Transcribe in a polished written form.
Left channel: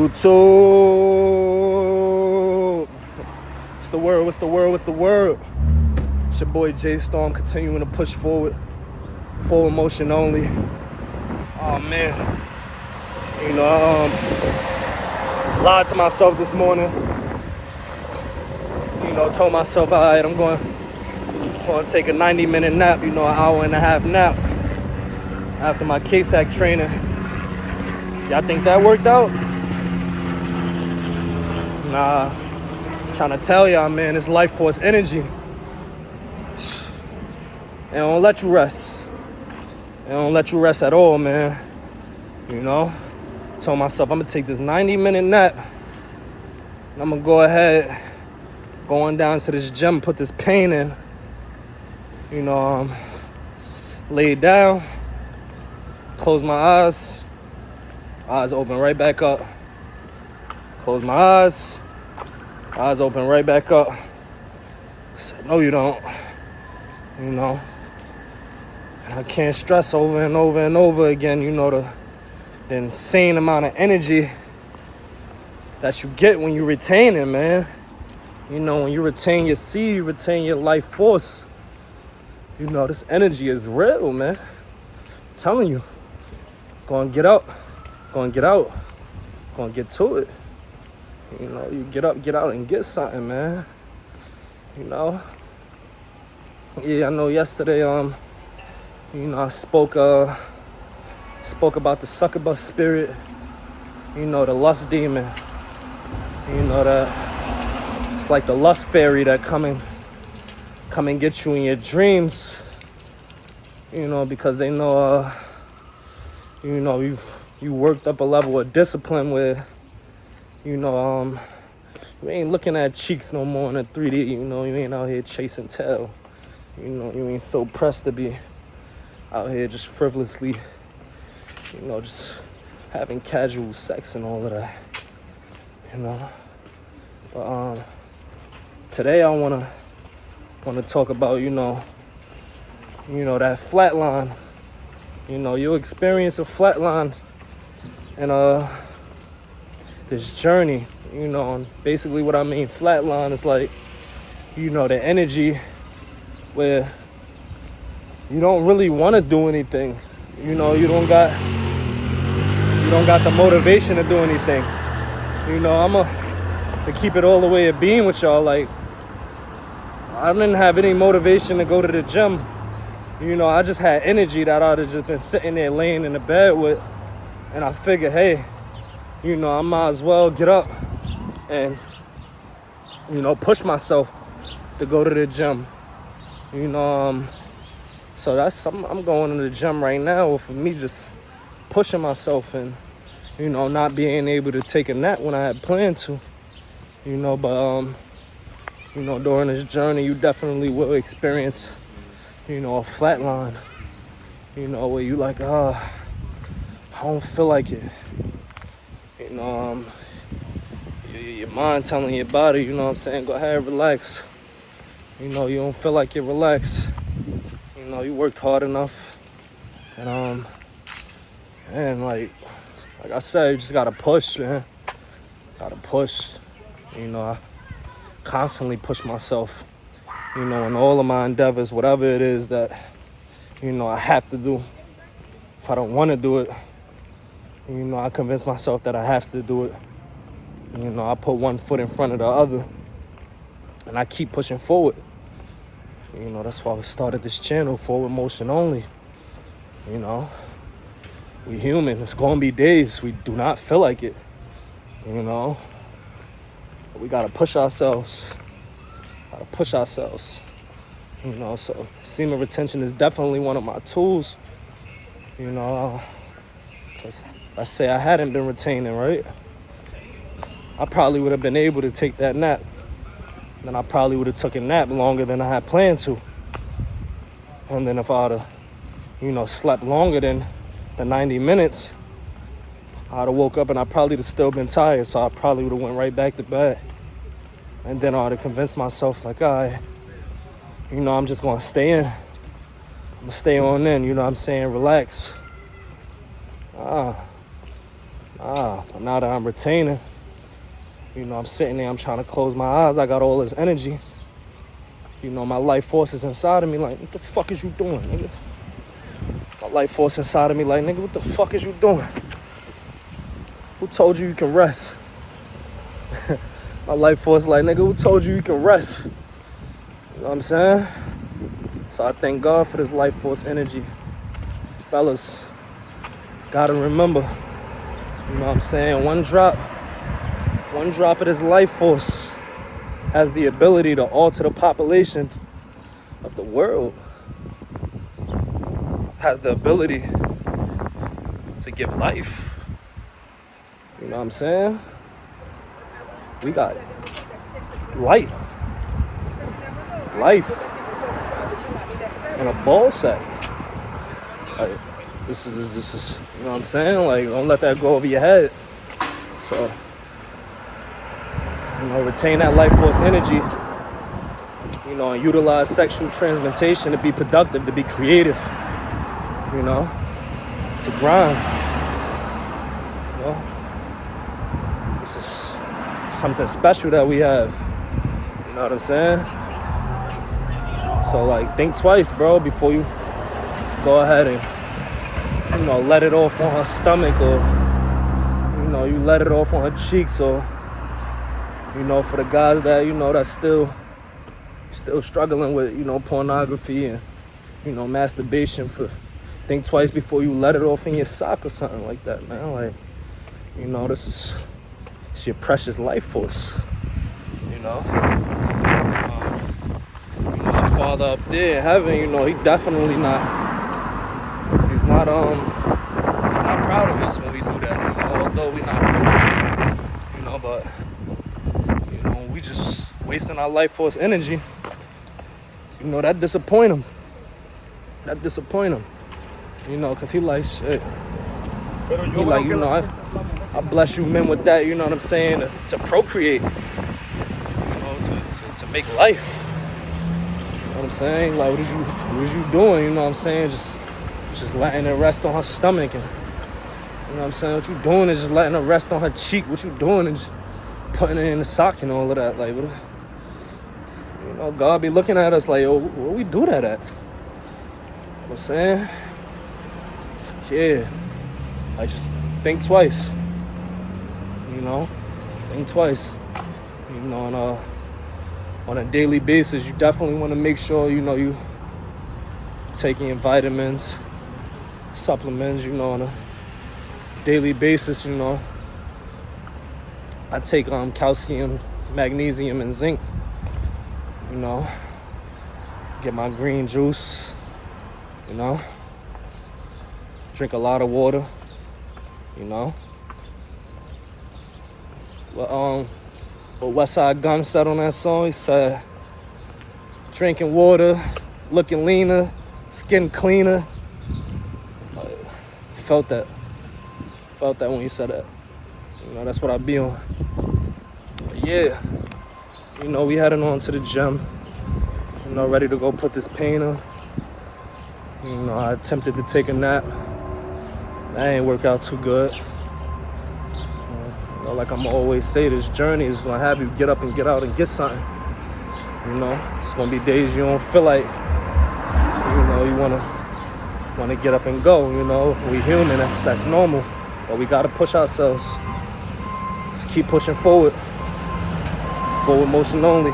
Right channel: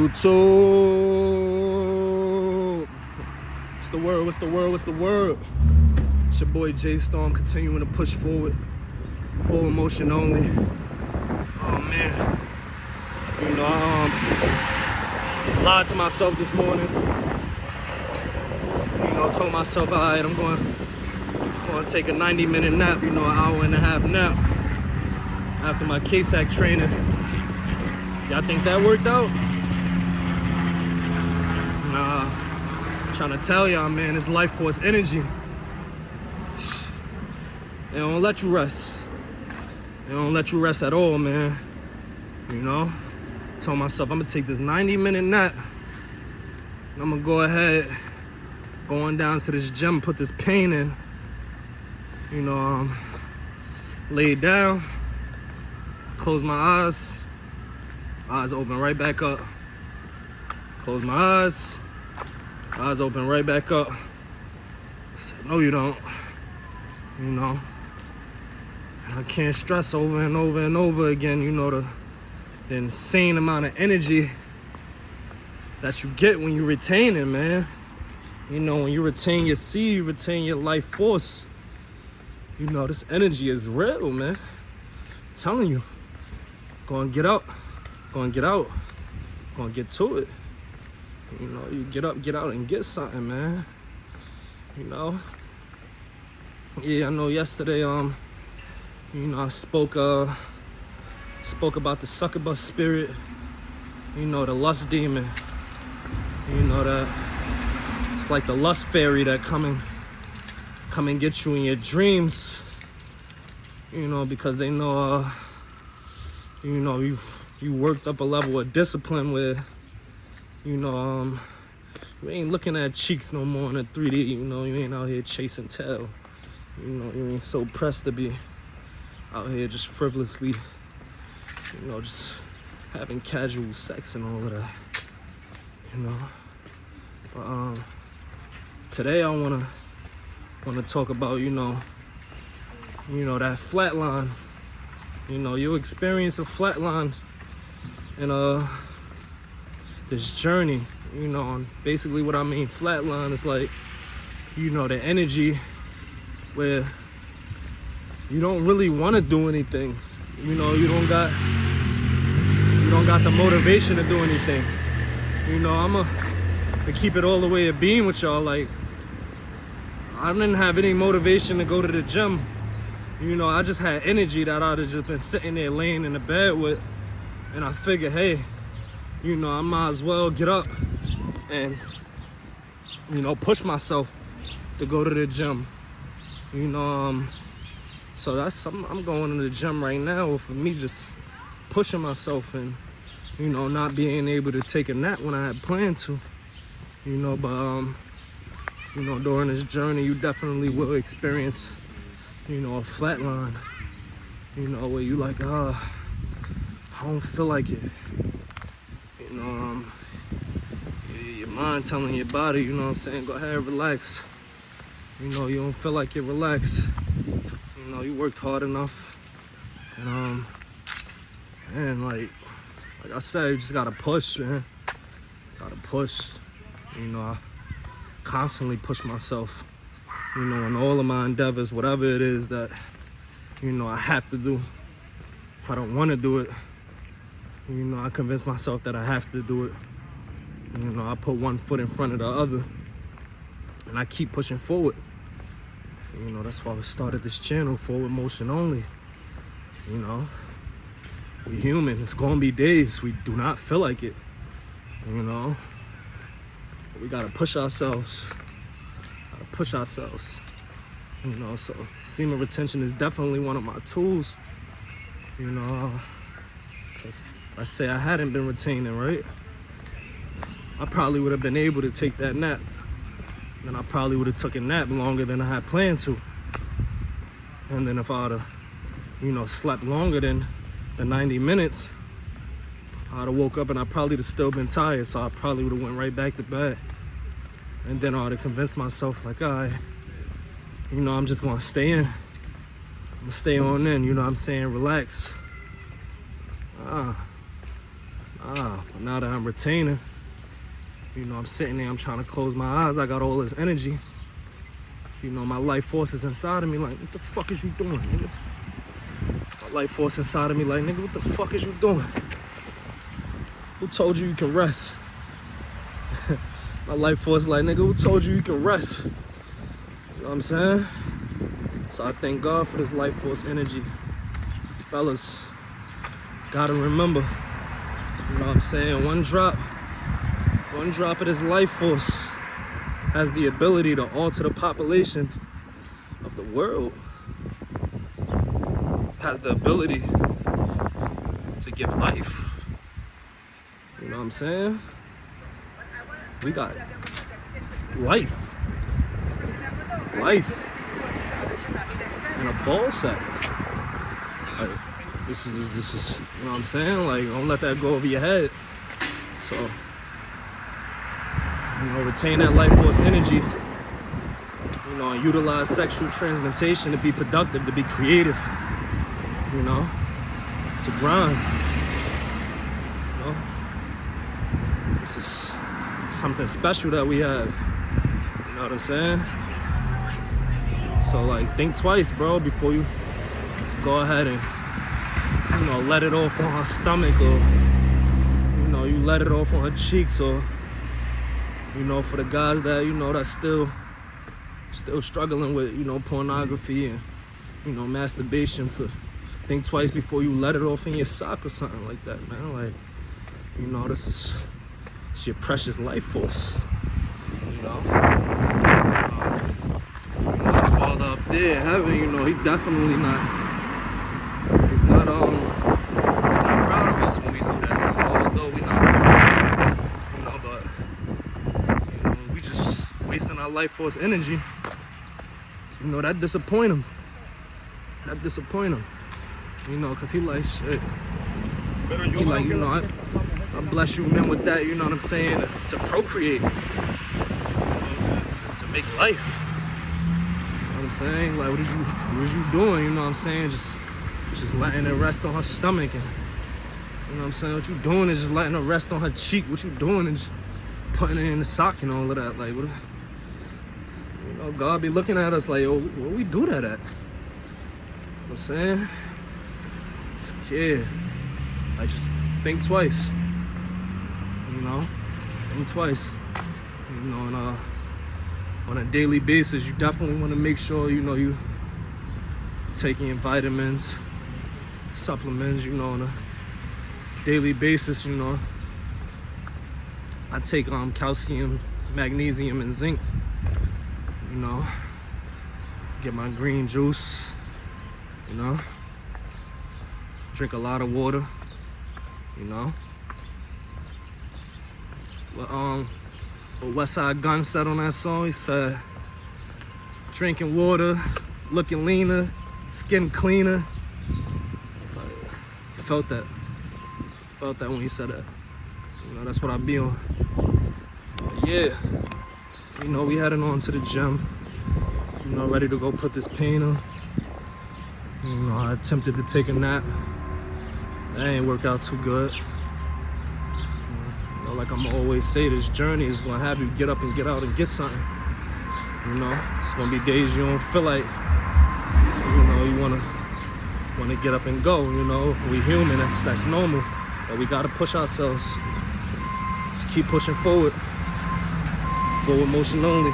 YouTube. What's the word? What's the word? What's the word? It's your boy J Storm continuing to push forward. Forward motion only. Oh man. You know, lied to myself this morning. You know, told myself, all right, I'm going to take a 90-minute nap, an hour and a half nap after my KSAC training. Y'all think that worked out? Nah, I'm trying to tell y'all, man, it's life force energy. It don't let you rest. It don't let you rest at all, man. Told myself I'm gonna take this 90-minute nap. And I'm gonna go ahead, going down to this gym, put this pain in. Lay down, close my eyes open right back up. Close my eyes open right back up. So, no, you don't. And I can't stress over and over and over again, the insane amount of energy that you get when you retain it, man. When you retain your seed, you retain your life force. This energy is real, man. I'm telling you. Go and get up. Go and get out. Go and get to it. You get up, get out, and get something, man. Yeah, I know yesterday, I spoke about the succubus spirit, the lust demon. That it's like the lust fairy that come and get you in your dreams, because they know, you worked up a level of discipline where, you ain't looking at cheeks no more in a 3D, you ain't out here chasing tail. You ain't so pressed to be out here just frivolously, just having casual sex and all of that, But today I wanna talk about, that flat line. You'll experience a flat line and this journey, and basically what I mean flat line is like, the energy where you don't really want to do anything. You don't got the motivation to do anything. I'm to keep it all the way a beam with y'all. Like, I didn't have any motivation to go to the gym. I just had energy that I'd have just been sitting there laying in the bed with. And I figured, hey, I might as well get up and, push myself to go to the gym. So I'm going to the gym right now for me just pushing myself and, not being able to take a nap when I had planned to. But during this journey, you definitely will experience, a flat line, where you like, I don't feel like it. Your mind telling your body, go ahead, relax. You don't feel like it, relax. You worked hard enough. And like I said, you just gotta push, man. Gotta push. I constantly push myself, in all of my endeavors, whatever it is that, I have to do. If I don't want to do it, I convince myself that I have to do it. I put one foot in front of the other and I keep pushing forward. That's why we started this channel, Forward Motion Only. We human. It's gonna be days we do not feel like it. We gotta push ourselves. So semen retention is definitely one of my tools. Cause let's say I hadn't been retaining, right? I probably would have been able to take that nap. Then I probably would have took a nap longer than I had planned to. And then if I'd have, slept longer than the 90 minutes, I'd have woke up and I probably would have still been tired. So I probably would have went right back to bed. And then I'd have convinced myself like, all right, I'm just gonna stay in. I'm gonna stay on in, relax. But now that I'm retaining, you know, I'm sitting there, I'm trying to close my eyes. I got all this energy. You know, my life force is inside of me like, what the fuck is you doing, nigga? My life force inside of me like, nigga, what the fuck is you doing? Who told you you can rest? My life force like, nigga, who told you you can rest? You know what I'm saying? So I thank God for this life force energy. Fellas, gotta remember, you know what I'm saying? One drop of this life force has the ability to alter the population of the world. Has the ability to give life. You know what I'm saying? We got life in a ball sack. Like, this is, you know what I'm saying? Like, don't let that go over your head. So, you know, retain that life force energy, you know, and utilize sexual transmutation to be productive, to be creative, you know, to grind, you know. This is something special that we have, you know what I'm saying? So, like, think twice, bro, before you go ahead and, you know, let it off on her stomach, or, you know, you let it off on her cheeks, or, you know, for the guys that, you know, that's still struggling with, you know, pornography and, you know, masturbation, think twice before you let it off in your sock or something like that, man. Like, you know, it's your precious life force, you know. My father up there in heaven, you know, he's not proud of us when we do that, you know, although we're not perfect, you know, but, you know, we just wasting our life force energy, you know, that disappoint him, you know, because he like, shit, he like, you know, I bless you men with that, you know what I'm saying, to procreate, you know, to make life, you know what I'm saying, like, what is you doing, you know what I'm saying, just letting it rest on her stomach, and, you know what I'm saying, what you doing is just letting it rest on her cheek, what you doing is just putting it in the sock and all of that, like, what, you know, God be looking at us like, yo, where we do that at, you know what I'm saying, so, yeah, I just think twice, you know, think twice, you know, and on a daily basis, you definitely want to make sure, you know, you taking your vitamins, supplements, you know, on a daily basis, you know. I take calcium, magnesium, and zinc, you know, get my green juice, you know, drink a lot of water, you know. What West Side Gun said on that song, he said, drinking water, looking leaner, skin cleaner. Felt that when he said that. You know, that's what I be on. But yeah, you know, we heading on to the gym, you know, ready to go put this paint on. You know, I attempted to take a nap. That ain't work out too good. You know, like I'm always say, this journey is gonna have you get up and get out and get something. You know, it's gonna be days you don't feel like, you know, you wanna get up and go. You know, we human, that's normal, but we gotta push ourselves. Just keep pushing forward motion only.